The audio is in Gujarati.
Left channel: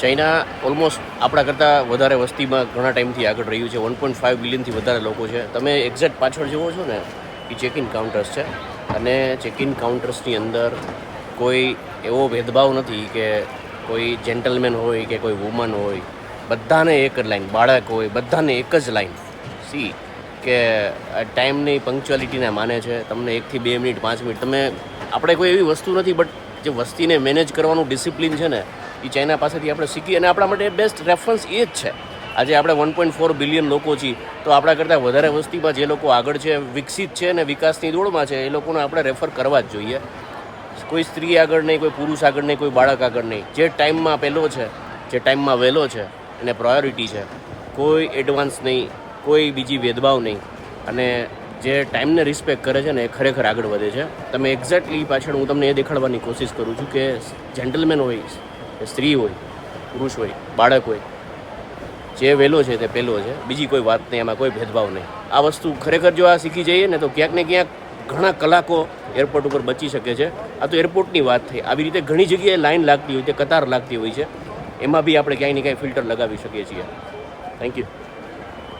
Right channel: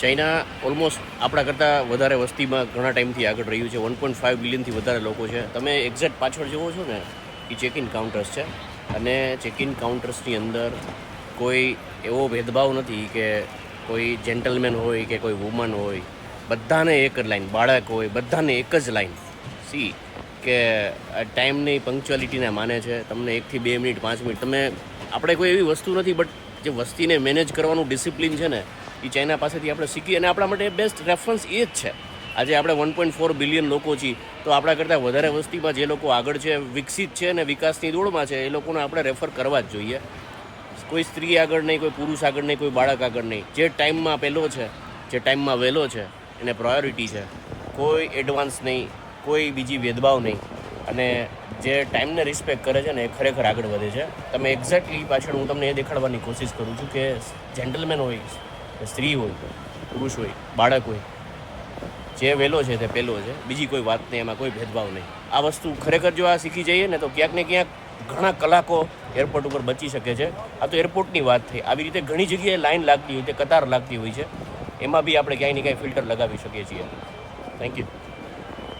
ચાઇના ઓલમોસ્ટ આપણા કરતાં વધારે વસ્તીમાં ઘણા ટાઈમથી આગળ રહ્યું છે. વન પોઈન્ટ ફાઇવ બિલિયનથી વધારે લોકો છે. તમે એક્ઝેક્ટ પાછળ જુઓ છો ને, એ ચેક ઇન કાઉન્ટર્સ છે. અને ચેક ઇન કાઉન્ટર્સની અંદર કોઈ એવો ભેદભાવ નથી કે કોઈ જેન્ટલમેન હોય કે કોઈ વુમન હોય. બધાને એક જ લાઈન બાળક હોય, બધાને એક જ લાઈન સી કે ટાઈમની પંક્ચ્યુઆલિટીને માને છે. તમને એકથી બે મિનિટ, પાંચ મિનિટ, તમે, આપણે કોઈ એવી વસ્તુ નથી બટ જે વસ્તીને મેનેજ કરવાનું ડિસિપ્લિન છે ને એ ચાઇના પાસેથી આપણે શીખીએ અને આપણા માટે બેસ્ટ રેફરન્સ એ જ છે. આજે આપણે વન પોઈન્ટ ફોર બિલિયન લોકો છીએ, તો આપણા કરતાં વધારે વસ્તીમાં જે લોકો આગળ છે, વિકસિત છે અને વિકાસની દોડમાં છે, એ લોકોને આપણે રેફર કરવા જ જોઈએ. કોઈ સ્ત્રી આગળ નહીં, કોઈ પુરુષ આગળ નહીં, કોઈ બાળક આગળ નહીં. જે ટાઈમમાં પહેલો છે, જે ટાઈમમાં વહેલો છે અને પ્રાયોરિટી છે. કોઈ એડવાન્સ નહીં, કોઈ બીજી ભેદભાવ નહીં. અને જે ટાઈમને રિસ્પેક્ટ કરે છે ને એ ખરેખર આગળ વધે છે. તમે એક્ઝેક્ટલી પાછળ હું તમને એ દેખાડવાની કોશિશ કરું છું કે જેન્ટલમેન હોય, કે સ્ત્રી હોય, પુરુષ હોય, બાળક હોય, જે વહેલો છે તે પહેલો છે, બીજી કોઈ વાત નહીં એમાં કોઈ ભેદભાવ નહીં. આ વસ્તુ ખરેખર જો આ શીખી જઈએ ને તો ક્યાંક ને ક્યાંક ઘણા કલાકો એરપોર્ટ ઉપર બચી શકે છે. આ તો એરપોર્ટની વાત થઈ આવી રીતે ઘણી જગ્યાએ લાઈન લાગતી હોય કે કતાર લાગતી હોય છે. એમાં બી આપણે ક્યાંય ને ક્યાંય ફિલ્ટર લગાવી શકીએ છીએ. Thank you